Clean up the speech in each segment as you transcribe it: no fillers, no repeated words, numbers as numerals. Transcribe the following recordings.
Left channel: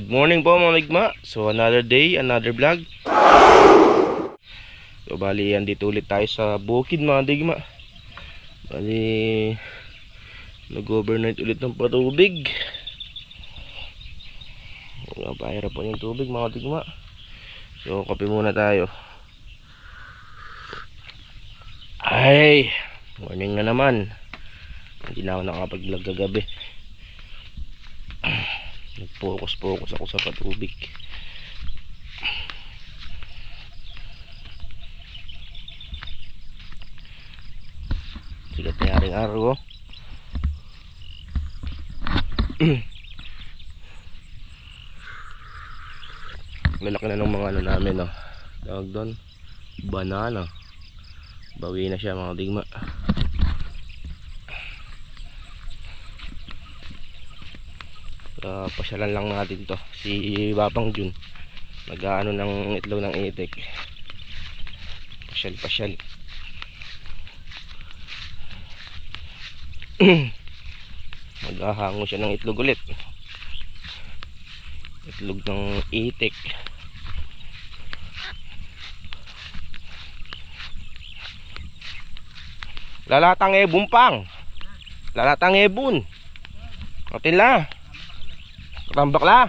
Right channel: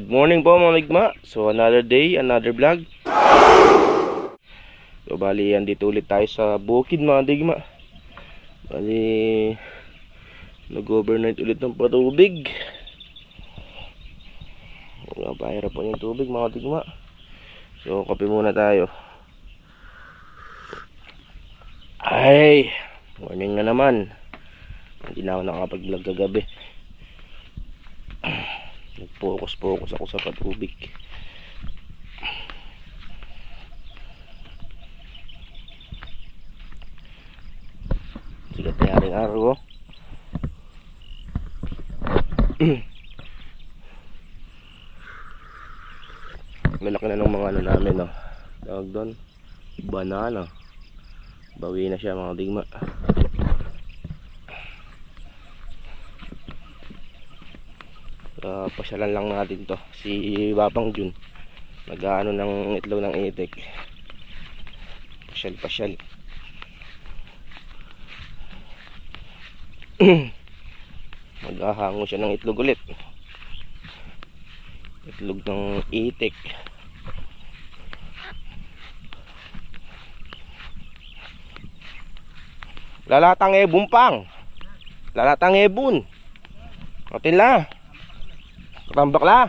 Good morning po mga ligma. So another day, another vlog. So bali andito ulit tayo sa bukid mga ligma. Bali nag-overnight ulit ng patubig. Napahirap po yung tubig mga ligma. So kape muna tayo. Ay, morning na naman. Hindi na ako nakapag-vlog kagabi. Nag-focus ako sa patubig. Sigat na yaring araw. Malaki na ng mga ano namin, no? Tawag doon, banana. Bawi na siya mga digma. Pasyalan lang natin to. Si Babang Jun nag-aano ng itlog ng itik. Pasyal maghahango siya ng itlog ulit. Itlog ng itik. Lalatang ebon pang. Lalatang ebon. Atin la. Katambak la.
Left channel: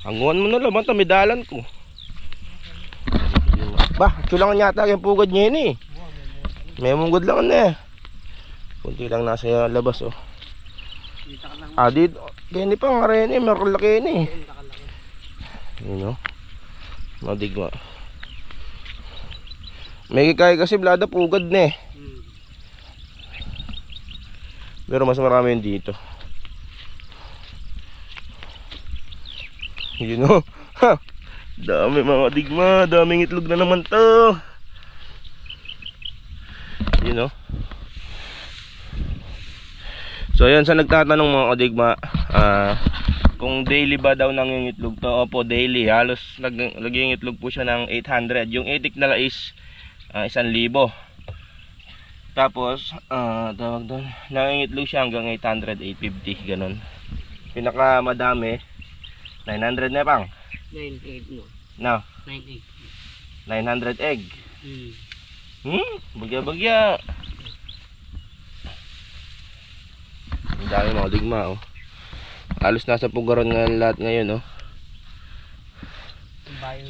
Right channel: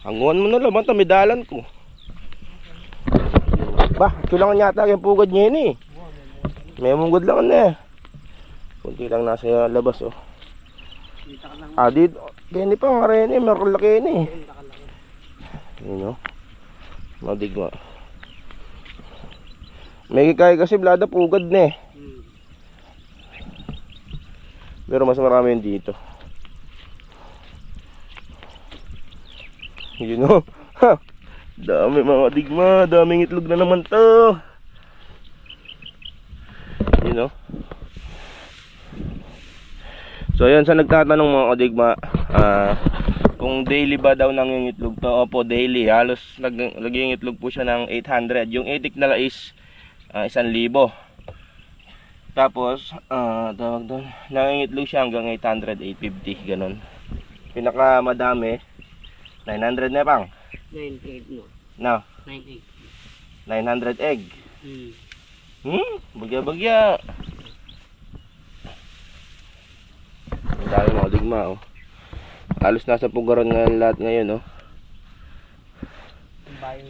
Hanguan mo na lang, tamidalan ko. Bah, chulang yata yung pugad niya yun eh. May munggod lang na eh. Kunti lang nasa labas oh. Dito. Kaya pa nga rin eh, makalaki yun eh. Yun oh. Madigma. May kikaya kasi blada pugad na eh. Pero mas marami yun dito. Yun o. Dami mga digma. Daming itlog na naman to. Yun o. So yun, sa nagtatanong mga digma, kung daily ba daw nang itlog to. Opo, daily. Halos naging itlog po siya ng 800. Yung itik nala is 1,000. Tapos tawag doon, nangingitlog siya hanggang 800, 850 ganun. Pinaka madami 900 na pang 900 no. No, 900 egg. Bagya ang dami mga digma oh. Halos nasa pugaran nga lahat ngayon oh.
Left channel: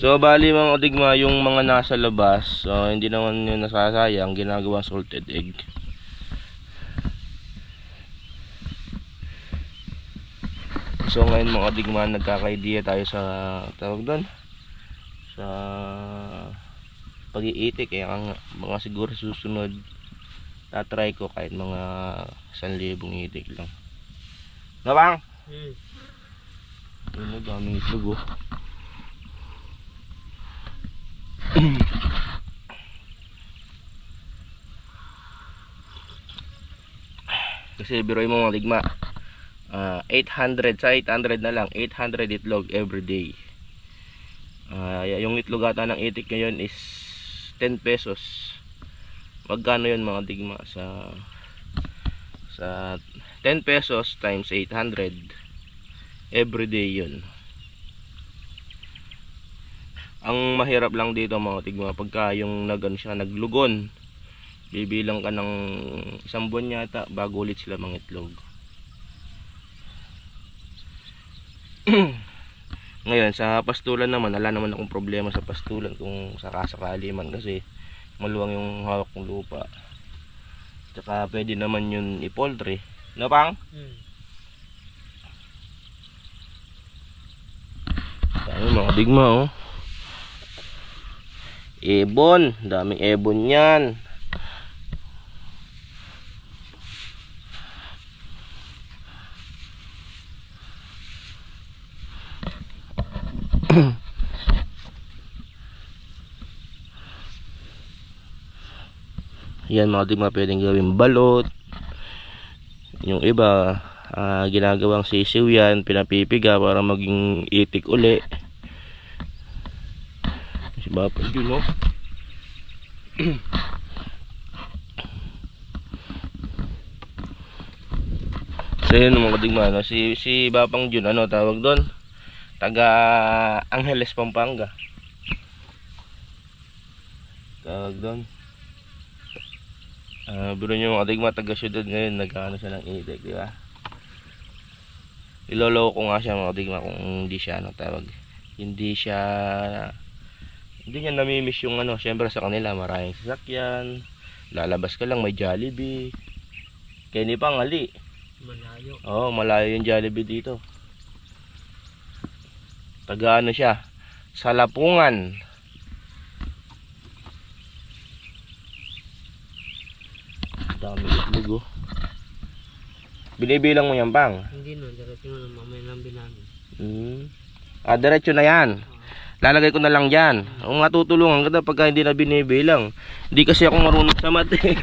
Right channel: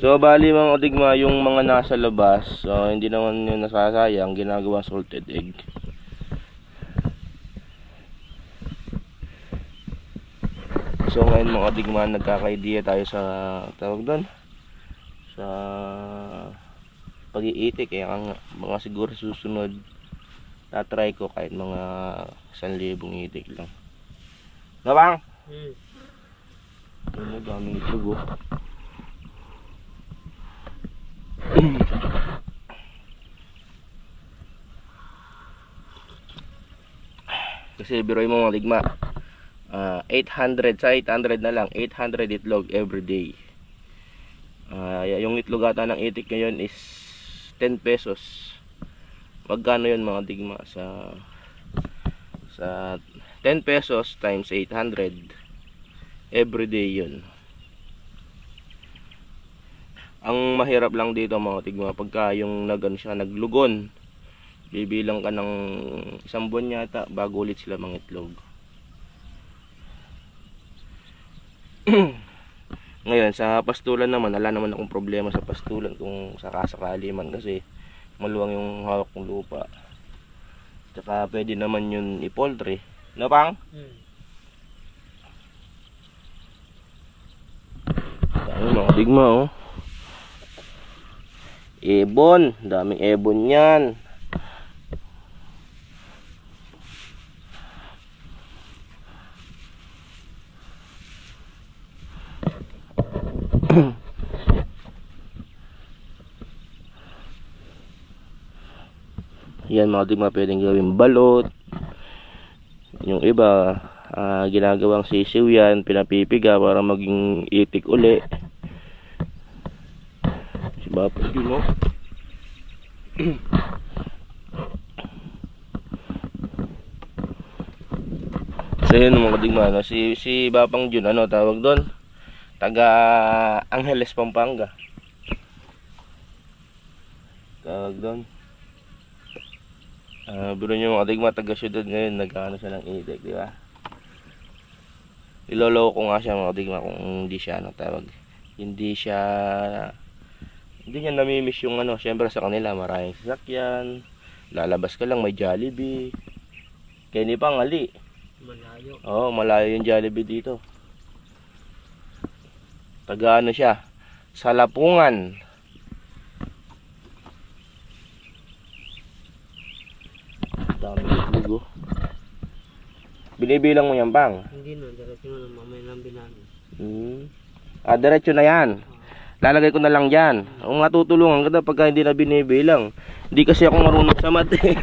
So bali mga digma, yung mga nasa labas, so hindi naman yun nasasayang, ginagawa salted egg. So ngayon mga digma, nagkaka-idea tayo sa tawag doon, sa pag-iitik. Kaya mga siguro susunod tatry ko kahit mga 1,000 itik lang. No bang? Ano, daming itlog oh. Kasi biroy mo mga ligma, 800 sa 800 na lang, 800 itlog every day. Yung itlog ata ng itik ngayon is 10 pesos. Magkano yun mga digma sa 10 pesos times 800 every day yun. Ang mahirap lang dito mga tigma, pagka yung naglugon, bibilang ka ng 1 buwan yata bago ulit sila mangitlog. Ngayon sa pastulan naman, wala naman akong problema sa pastulan kung sakasakali man, kasi maluwang yung hawak ng lupa. Tsaka pwede naman yun i-poultry. No pang? Dami mga digma oh. Ebon, daming ebon yan. Yan mga digma, pwedeng gawing balot. Yung iba ginagawang sisiw yan, pinapipiga para maging itik uli. Si Bapak yun oh. So yun mga kadigma, no? Si Bapang Jun, ano tawag doon? Taga Angeles, Pampanga. Tawag doon. Biro nyo mga kadigma, taga syudad ngayon, nagkano siya ng itik, di ba? Iloloko ko nga siya mga kadigma kung hindi siya, ano tawag? Hindi niya namimiss yung ano, syempre sa kanila maraming sasakyan. Lalabas ka lang, may Jollibee. Kaya ni Pangali. Malayo. Oo, malayo yung Jollibee dito. Taga ano siya? Salapungan. Dami itlog oh. Binibilang mo yan, Pang? Hindi na, diretso na mamaya nang bilangin. Diretso na yan. Lalagay ko na lang dyan. Kung matutulungan ka na pagka hindi na binibilang. Hindi kasi ako marunong sa math eh.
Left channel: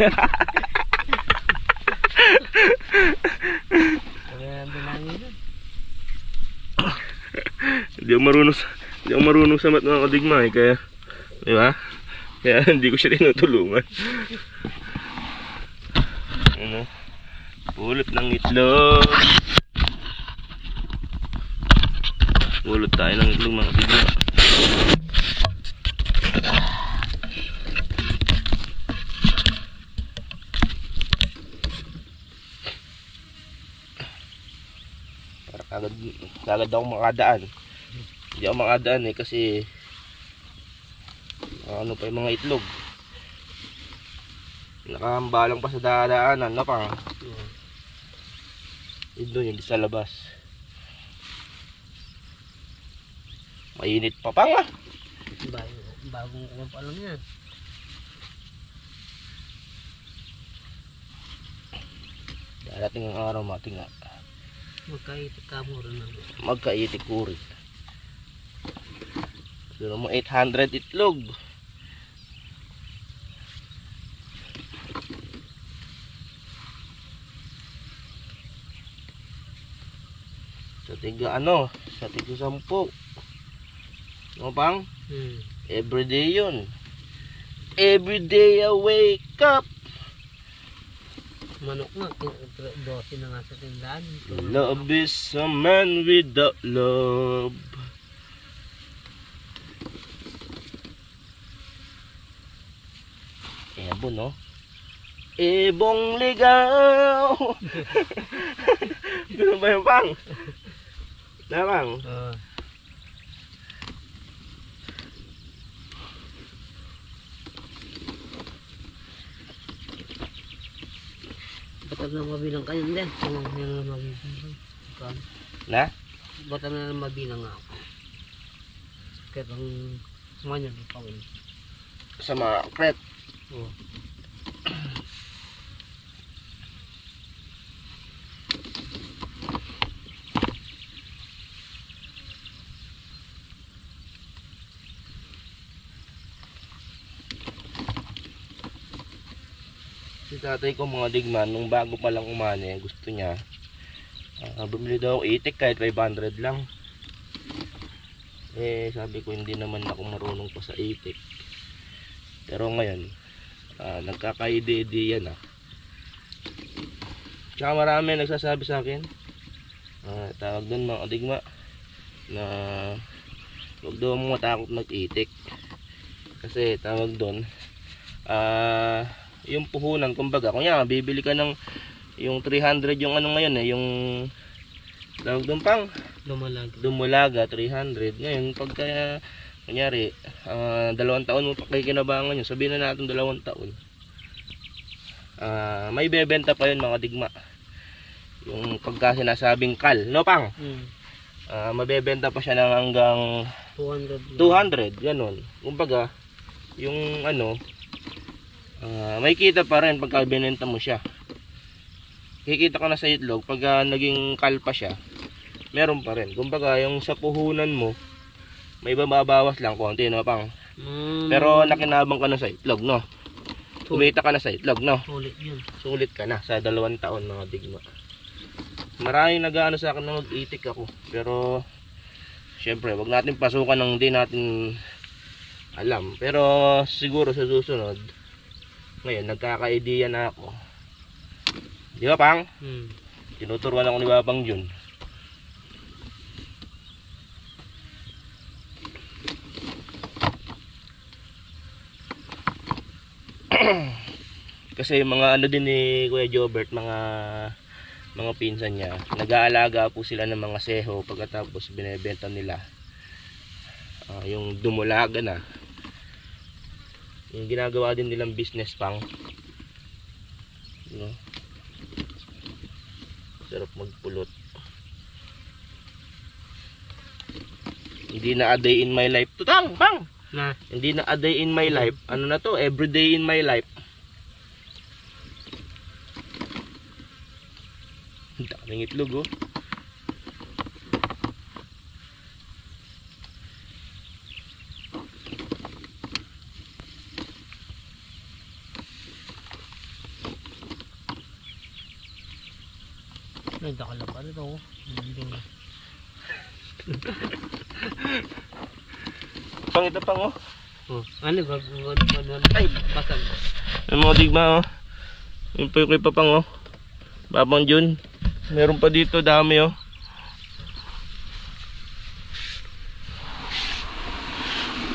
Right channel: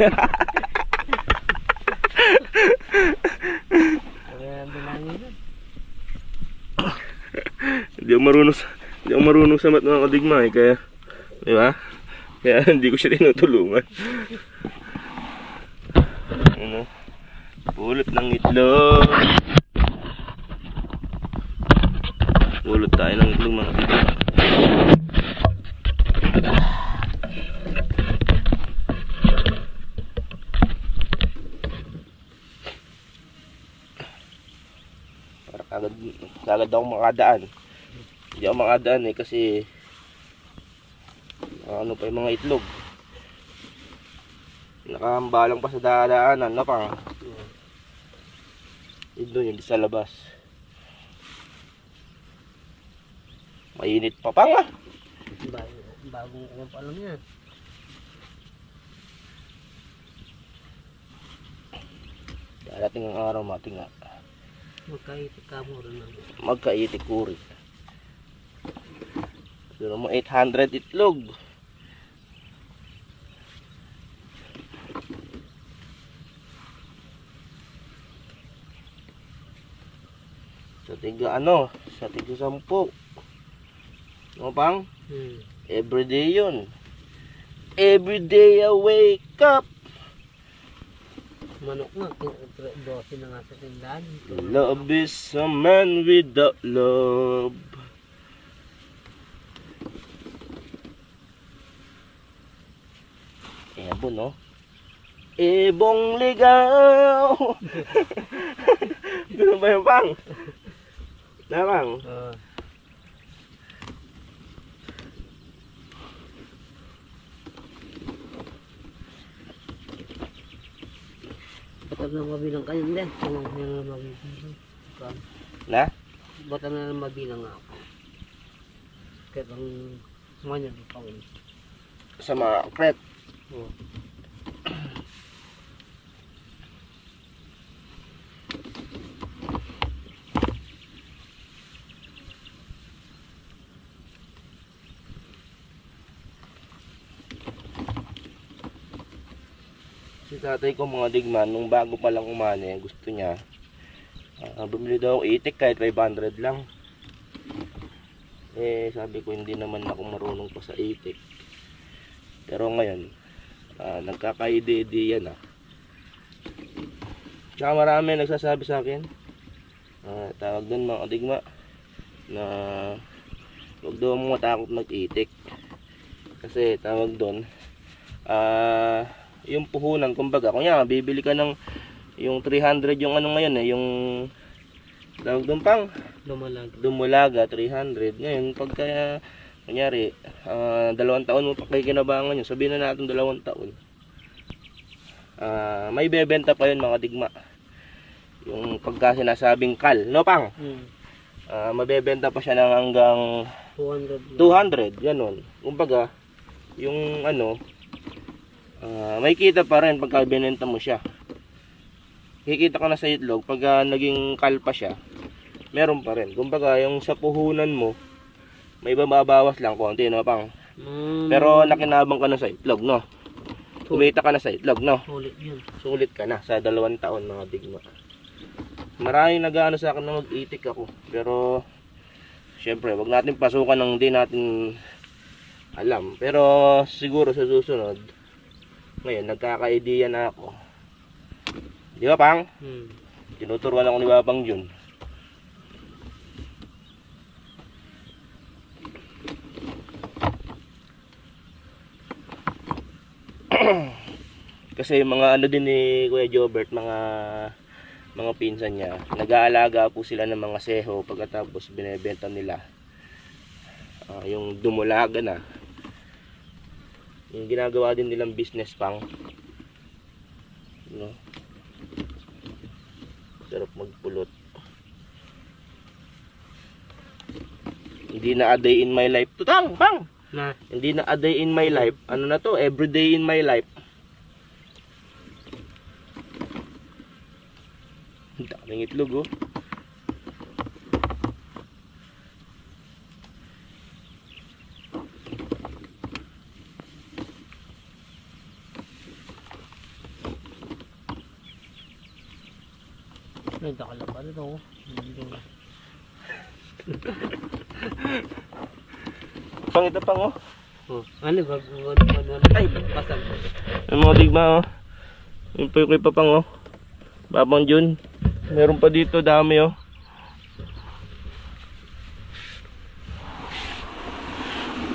Hindi ako marunong sa math mga kadigma eh. Kaya, di ba? Kaya hindi ko siya tinutulungan. Ano? Pulot ng itlog. Pulot tayo ng itlog mga kadigma. Kagad ako makadaan. Hindi ako makadaan eh kasi ano pa yung mga itlog. Nakahambalang pa sa dadaanan na pa. Doon yung sa labas. Mainit pa pa nga. Bagong kuha pa lang yan. Darating ang araw mating nga. Magkaitik ka mo rin lang. Magkaitik ko rin. Pero mo 800 itlog. Sa tiga ano? Sa tiga 10. Ano Pang? Everyday yun. Everyday I wake up. Manok nga, 12 na nga sa tindahan. Love is a man without love. Ebon no? Ebong ligaw. Ganun ba yung Pang? Na Pang? Ba't na mabilang kayo din? Kung yan na mabilang. Na? Ba't na mabilang ako? Kaya ang manya di pa wala. Sa mga kret. Oo. Si tatay ko mga digman, nung bago pa lang umani, gusto niya bumili daw itik kahit 500 lang. Eh sabi ko hindi naman ako marunong pa sa itik. Pero ngayon nagkakaide-ide yan Tsaka marami nagsasabi sa akin tawag doon mga digma na huwag daw mo matakot mag-itik. Kasi tawag doon yung puhunan, kumbaga kunya bibili ka ng yung 300 yung ano ngayon yung tawag doon Pang dumulaga 300 ngayon pagka kunyari 2 taon mo pakikinabangan yun, sabihin na natin 2 taon may bebenta pa yun mga digma yung pagka sinasabing kal no Pang? Mabebenta pa siya ng hanggang 200 ganun, kumbaga yung ano may kita pa rin pagka binenta mo siya. Kikita ka na sa itlog pag naging kalpa siya. Meron pa rin. Kumbaga yung sa puhunan mo may bababawas lang konti no Pang. Pero nakinabang ka na sa itlog no. Kumita ka na sa itlog no. Sulit yun. Sulit ka na sa 2 taon mga digma. Maraming nag-aano sa akin na mag-itik ako. Pero syempre wag natin pasukan ng di natin alam. Pero siguro sa susunod ngayon nagkaka-idea na ako. Di ba Pang? Tinuturuan ako ni Babang Jun. Kasi mga ano din ni Kuya Jobert, mga pinsan niya, nag-aalaga po sila ng mga seho pagkatapos binebenta nila. Yung dumulaga na. Yung ginagawa din nilang business pang. No? Sarap magpulot. Hindi na a day in my life. Tutang, bang! Na. Hindi na a day in my life. Ano na to? Every day in my life. Ang daming itlog, oh. Ay, dakala pa rin ako. Pang ito pang, oh. Oh, ano ba? Ay, pasal. Yung mga digma, oh. Yung pa yung papang, oh. Babang Jun. Meron pa dito, dami, oh.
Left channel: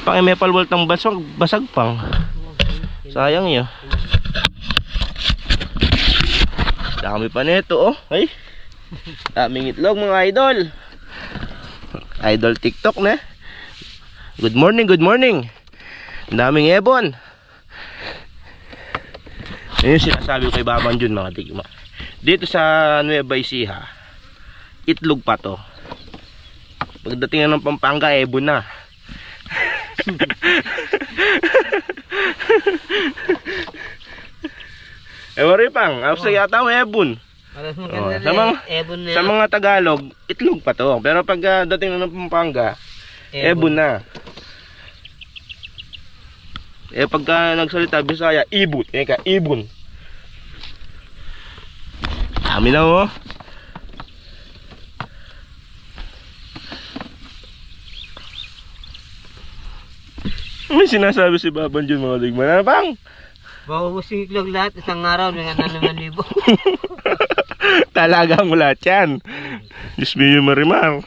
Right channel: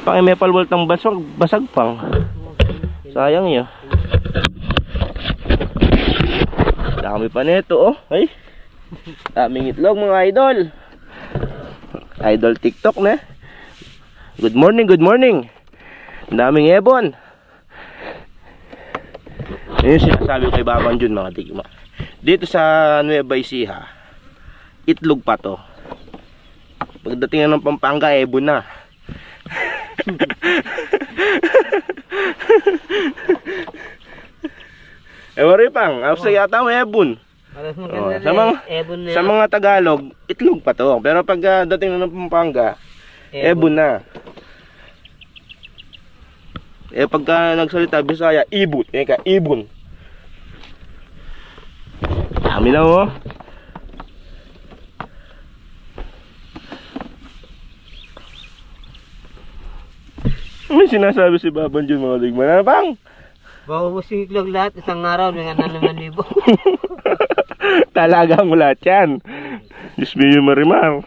Pang may palwalt ng basag pang. Sayang yun. Dami pa nito, oh. Ay. Daming itlog, mga idol. Idol TikTok na. Good morning, good morning. Daming ebon. Yun yung sinasabi ko kay Babang Jun, mga digma. Dito sa Nueva Ecija, itlog pa to. Pagdating na ng Pampanga, ebon na. Ewan rin pang, after yata may ebon. Sa mga Tagalog, itlog pa to. Pero pag dating na ng Pampanga, ebon na. Pagka nagsalita Bisaya, ibon. Ibon. Dami na, oh. May sinasabi si Babang Jun, mga digman. Ano bang? Bawusin itlog lahat, isang araw, may 5,000. Talaga mo lahat yan. Diyos mo yung marimar.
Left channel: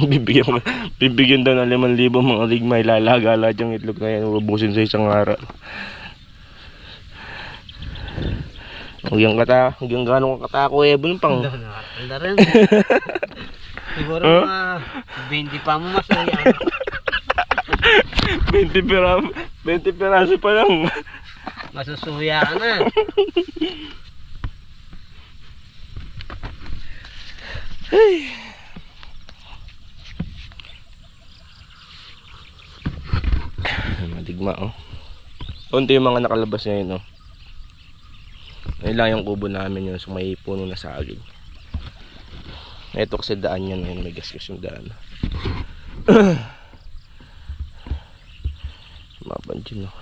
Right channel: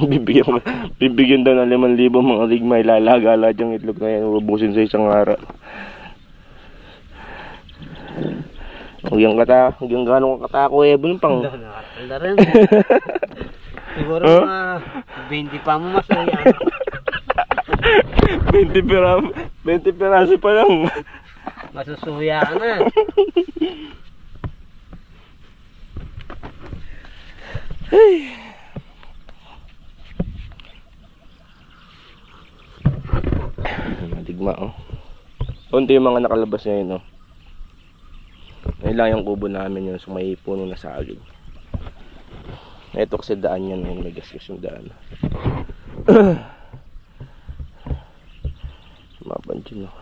Bibigyan daw ng 5,000 mga digma. Ilalaga lahat yung itlog na yan. Ubusin sa isang araw. Huwag yung gano'ng katako, ebon pang. Nakatanda rin. Siguro mga 20 pa mo mas yan. 20 piraso pa lang. Masusuya ka na. Ay. Madigma, oh. Unti yung mga nakalabas ngayon, oh. Ayun lang yung kubo namin yun, so may puno na saging. Ito kasi daan yan, may gasgas yung daan. Mabanjin, oh.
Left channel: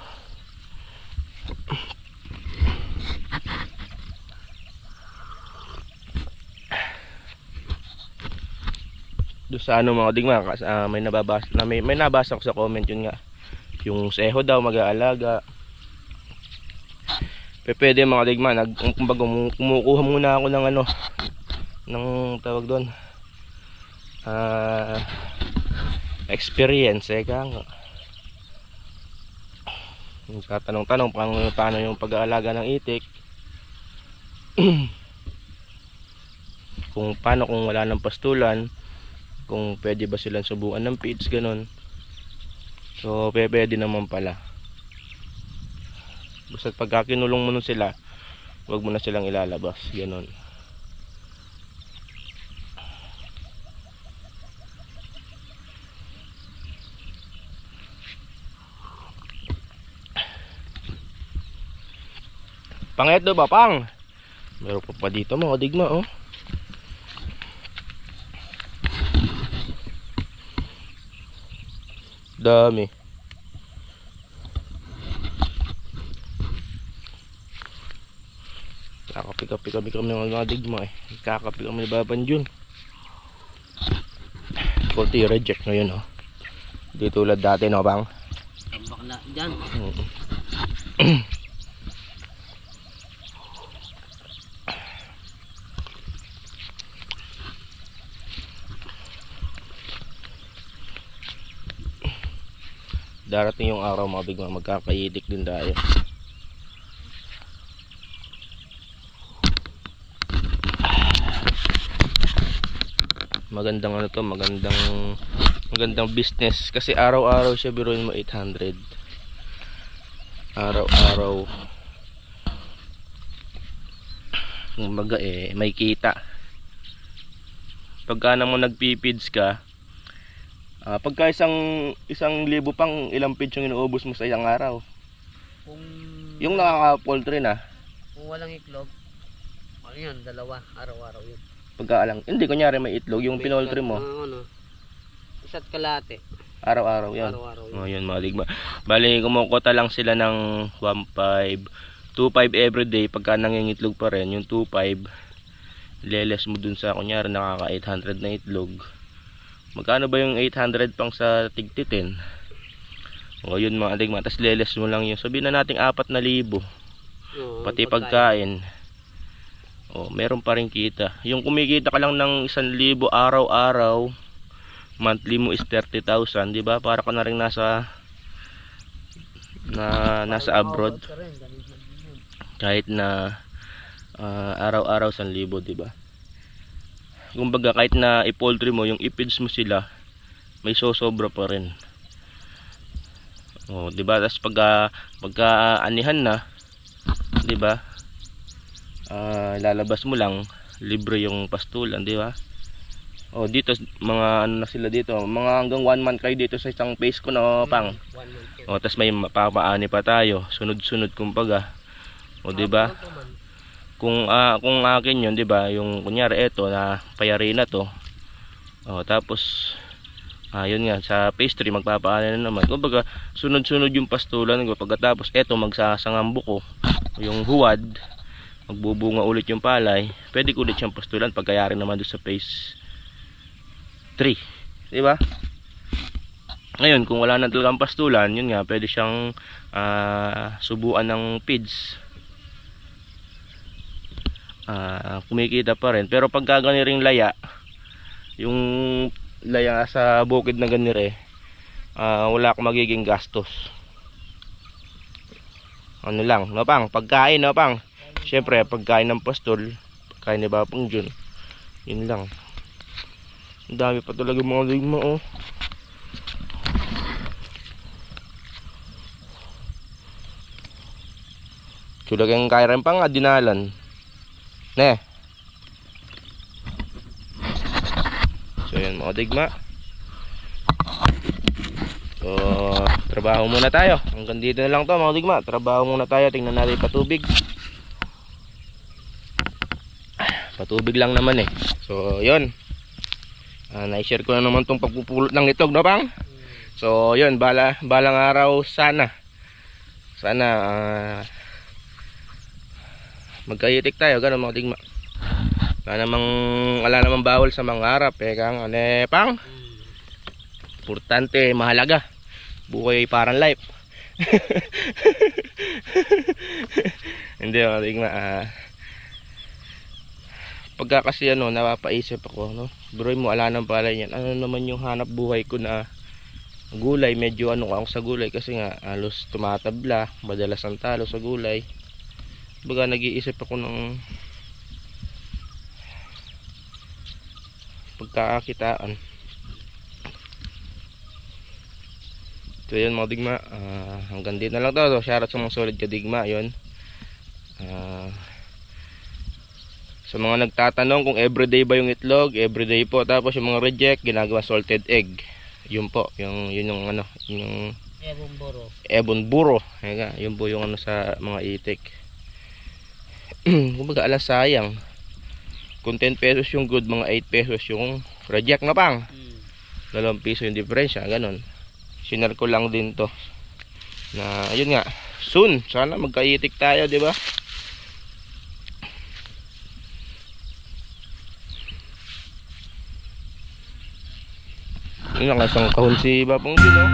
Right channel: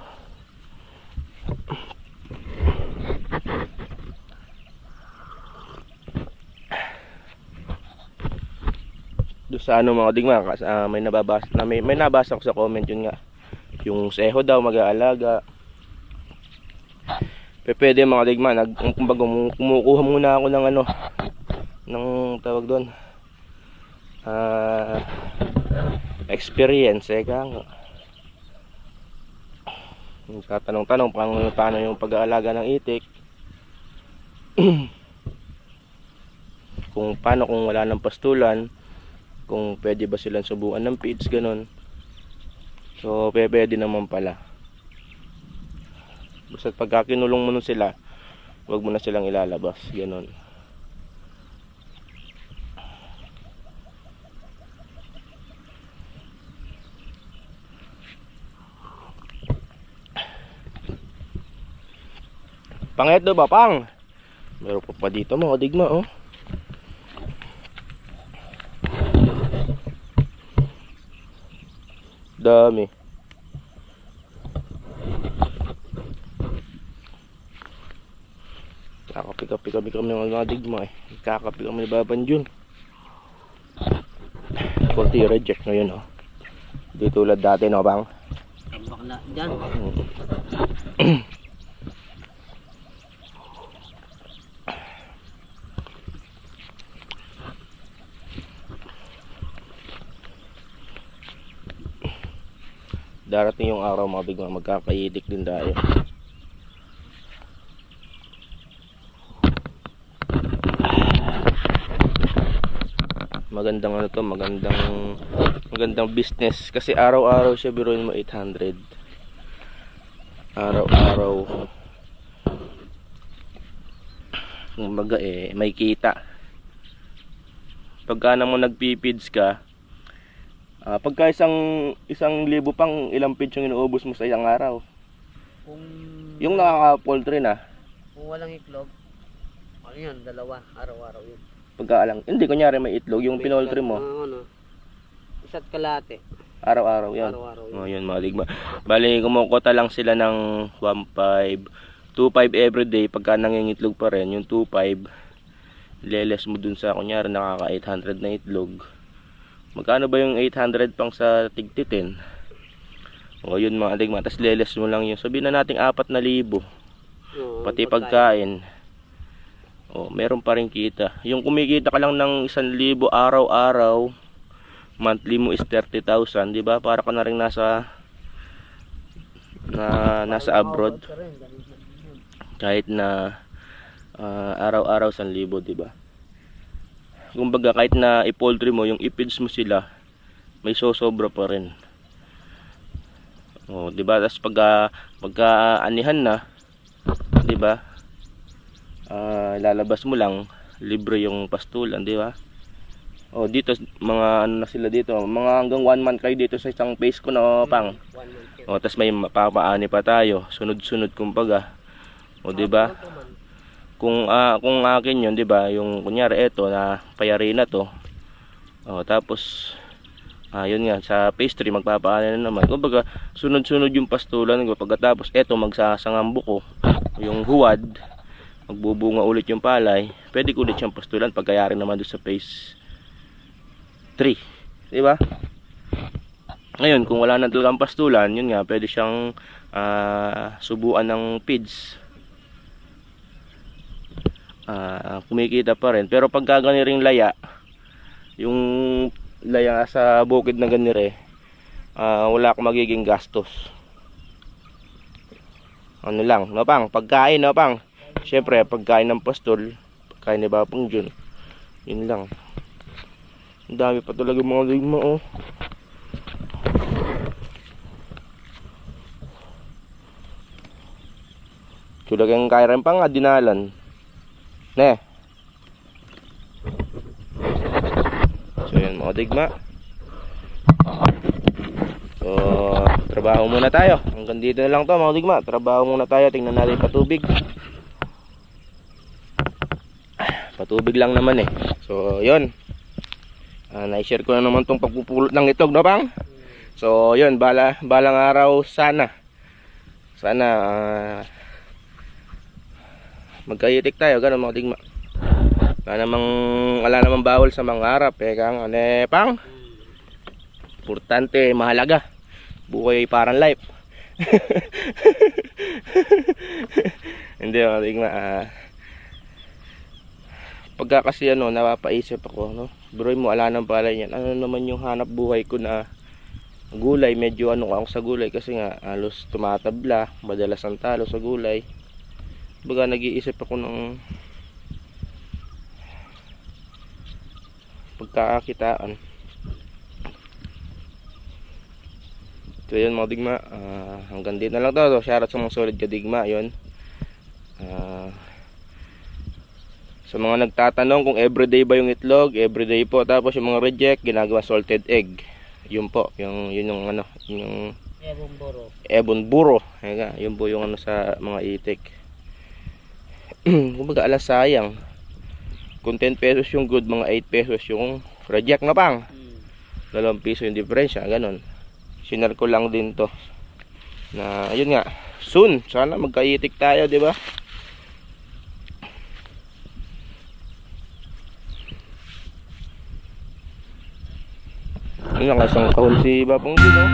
Doon sa ano, mga digma, may nabasa ko sa comment yun nga. Yung seho daw mag-aalaga. Pwede, mga digma, kumbaga kumukuha muna ako ng ano, ng tawag doon, experience, kaya tatanong-tanong paano yung pag-aalaga ng itik. Kung wala ng pastulan, kung pwede ba silang subukan ng feeds, ganun. So pwede naman pala. Basta pagka kinulong mo nun sila, huwag mo na silang ilalabas, ganun. Pangit ba, pang? Meron pa dito, mga digma, oh. Dami. Kakapi kami ng mga digma, eh. Kakapi kami ni Babang Jun. Konti reject ngayon, oh. Di tulad dati, no, bang? bakla dyan. Darating yung araw mga bigma, magkakaitik din tayo. Magandang ano to, magandang business kasi araw-araw siya, biruin mo 800. Araw-araw. Kumbaga may kita. Pagka naman nagpipids ka, pagka isang libo pang ilang feeds yung inuubos mo sa isang araw. Kung Yung nakaka-poultry na, kung walang itlog, ano yan, dalawa, araw-araw yun. pagkaalang, hindi, kunyari may itlog, yung pinoultry mo, Isa't kalate, araw-araw yan. araw-araw yun. O yun mga digma. Bali, kumukota lang sila ng 1.5, 2.5 everyday. Pagka nangingitlog pa rin, yung 2.5, leles mo dun sa, kunyari, nakaka 800 na itlog. Magkano ba yung 800 pang sa tigtitin? O yun mga digma. Tapos leles mo lang yung, sabihin na natin 4,000. Pati pagkain. O, meron pa rin kita. Yung kumikita ka lang ng 1,000 araw-araw, monthly mo is 30,000, di ba? Para ka na rin nasa abroad. Kahit na araw-araw 1,000, di ba? Kumbaga kahit na i-poultry mo, yung i-feeds mo sila, may sosobra pa rin. Oh, di ba? Tapos pagka anihan na, di ba? Lalabas mo lang, libre yung pastulan, di ba? Oh, dito mga ano na sila dito, mga hanggang 1 month kayo dito sa isang phase ko na pang. Oh, tapos may papaani pa tayo, sunod-sunod kumbaga. Oh, di ba? Kung akin 'yun, 'di ba? Yung kunyari eto na payari na to. Oh, tapos yun nga sa phase 3 magpapaani na naman. Kumbaga sunod-sunod yung pastulan, pagkatapos eto magsasangambo ko yung huwad, magbubunga ulit yung palay, pwede ko ulit siyang pastulan pagkayari naman doon sa phase 3, di ba? Ngayon kung wala na talagang pastulan, yun nga pwede siyang subuan ng feeds. Kumikita pa rin, pero pag ring laya, yung laya sa bukid na ganire, wala akong magiging gastos. Ano lang, no pang, pagkain, no pang. Siyempre, pagkain ng pastol, pagkain ni Bapong Jun, yun lang. Ang dami pa talaga mga ligma, oh. Sudah kang kairan pa nga, dinalan. Ne. So, yun mga digma. So, trabaho muna tayo. Hanggang dito na lang to mga digma. Trabaho muna tayo, tingnan natin patubig. Patubig lang naman eh. So yun, na-share ko na naman tong pagpupulot ng itlog, no pang? So yun, balang araw sana magkayitik tayo, ganun mga digma. Wala namang bawal sa mga harap eh, kang pang? Importante, mahalaga. Buhay parang life. Hindi mga digma. Pagka kasi napapaisip ako, no? Bro mo, ala ng palay yan. Ano naman yung hanap buhay ko na gulay? Medyo ako sa gulay kasi nga halos tumatabla, madalas ang talo sa gulay. Baga nag-iisip ako ng pagkakakitaan. So yun mga digma, hanggang dito na lang to. Shoutout sa mga solid ka digma, yun. Sa mga nagtatanong kung everyday ba yung itlog, everyday po. Tapos yung mga reject, ginagawa salted egg. Yun po, yun yung yung ebon buro. Yun po yung sa mga itik. Kumbaga alas sayang. Kung 10 pesos yung good, mga 8 pesos yung reject na pang. 2 piso yung diferensya, ganun. Sinare ko lang din to. Na yun nga, soon sana magkaitik tayo, di ba? Yun ang isang kahon si Bapong Jun, no?